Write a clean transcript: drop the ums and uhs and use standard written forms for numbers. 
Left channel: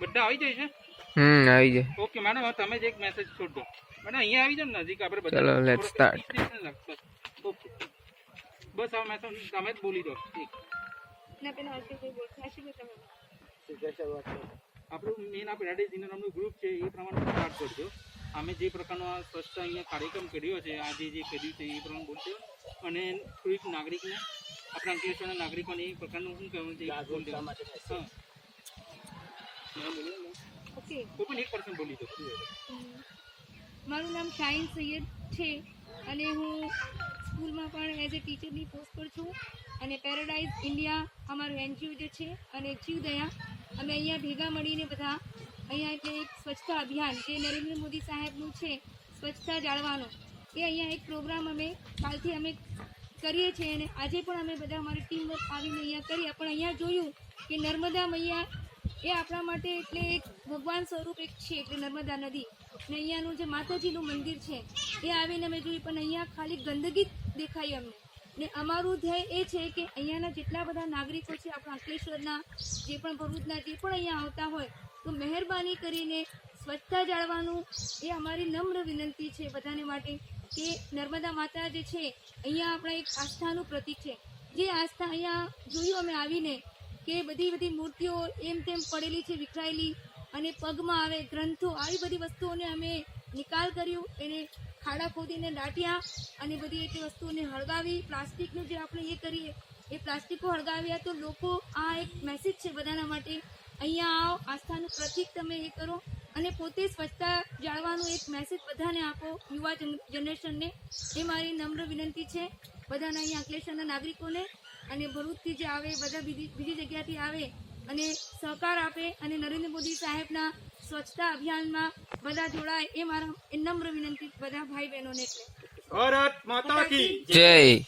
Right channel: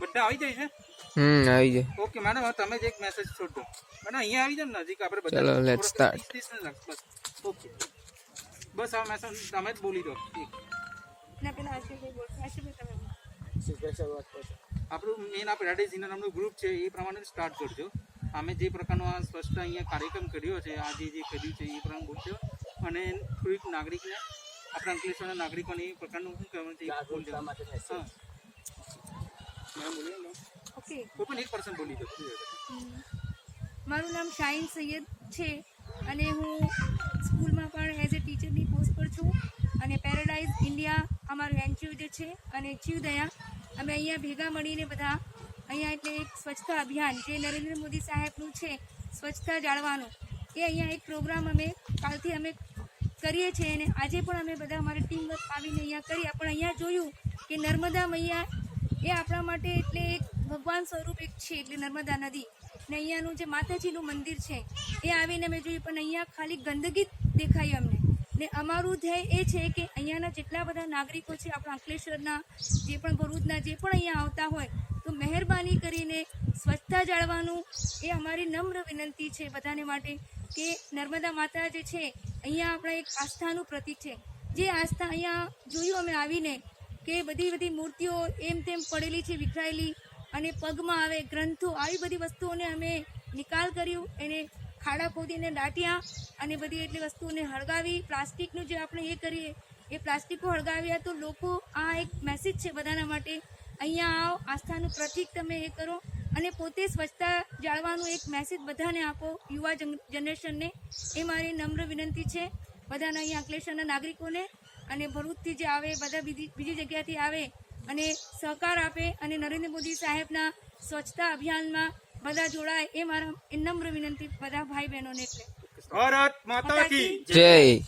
બધા આવી જાય છે? આવી જાય. ઓકે મેડમ, હવે તમે જ એક મેસેજ છોડ દો. મેડમ અહીંયા આવી જાવ ને નજીક, આપણે બધા ચલો લેટ્સ સ્ટાર્ટ. બસ ઓકે, બસ આ મેસેજ તમે જ બોલી દો. એક ના પેલા આશીષભાઈ બોલશે. આશીષભાઈ તમે આપણું મેન આ પેરાડાઇઝ ઇનર નામનું ગ્રુપ છે, એ પ્રમાણે સ્ટાર્ટ કરજો. અમે જે પ્રકારનો આ સ્પષ્ટ અહીંયા કાર્યક્રમ કર્યો છે, આજે જે કર્યું છે એ પ્રમાણે બોલજો. અને થોડીક નાગરિકને, આપણા અંકલેશ્વરના નાગરિકોને એ પ્રકારનું શું કહેવાનું છે હા મેડમ બોલીએ ને, ઓકે. કોઈ પણ એક પર્સન બોલી દો. મારું નામ શાહીન સૈયદ છે અને હું સ્કૂલમાં પણ એઝ એ ટીચરની પોસ્ટ પર છું. અને પેરાડાઇઝ ઇન્ડિયા અમારું એનજીઓ જે છે અને જીવદયા, અમે અહીંયા ભેગા મળીને બધા અહીંયા એટલે એક સ્વચ્છતા અભિયાન જે નરેન્દ્ર મોદી સાહેબનું છે, સ્વચ્છતા જાળવાનું, એ અહીંયા એક પ્રોગ્રામ અમે કાલથી અમે કરીએ છીએ. અને આજે પણ અમે બધા અમારી ટીમ વર્ક આવીને અહીંયા કરીએ. પણ અહીંયા જોયું કે નર્મદા મૈયા એ આપણા માટે એટલે એક ભગવાન સ્વરૂપ એક છે, એટલે નર્મદા નદી ને અહીંયાનું જે માતાજીનું મંદિર છે એ આવીને અમે જોયું. પણ અહીંયા ખાલી ગંદકી જ દેખાઈ અમને. ને અમારું ધ્યેય એ છે કે અહીંયાના જેટલા બધા નાગરિકો છે, આપણા અંકલેશ્વરના, જે પણ ભરૂચના, જે પણ અહીંયા આવતા હોય, તો મહેરબાની કરીને સ્વચ્છતા જાળવવાનું એ અમારી નમ્ર વિનંતી છે બધાને માટે. કે નર્મદા માતા જે છે અહીંયા આપણા એક આસ્થાનું પ્રતીક છે. જે આસ્થા અહીંયા જોયું અમે આવીને કે બધી મૂર્તિઓ એમ તેમ પડેલી છે, વિખરાયેલી, અને પગમાં આવે ગ્રંથો, આવી બધી વસ્તુઓને અમે નિકાલ કર્યું. એને ખાડા ખોદીને દાટ્યા અને બધી એટલી વસ્તુઓને હળગાવી. પ્લાસ્ટિકનું જે આપણે એ કરીએ એ પ્લાસ્ટિકો હળગાવ્યા. તો લોકો, આ એક મેસેજ છે બધાના માટે, અહીંયા આવો, આસ્થાનું પ્રતીક તમે એ કરો અને પોતે સ્વચ્છતા જાળવવાનું એક મેસેજ બધાને આપો, યુવા જનરેશનને. એ મારી નમ્ર વિનંતી છે બધાના અહીંયા અંકલેશ્વરના નાગરિકોને. અને ભરૂચથી જે આવે, બધા બીજી જગ્યાથી આવે અને સહકાર આપે અને નરેન્દ્ર મોદી સાહેબના સ્વચ્છતા અભિયાનમાં બધા જોડાય, એ મારા નમ્ર વિનંતી બધા ભાઈ બહેનોને. એટલે ભારત માતા કી જય.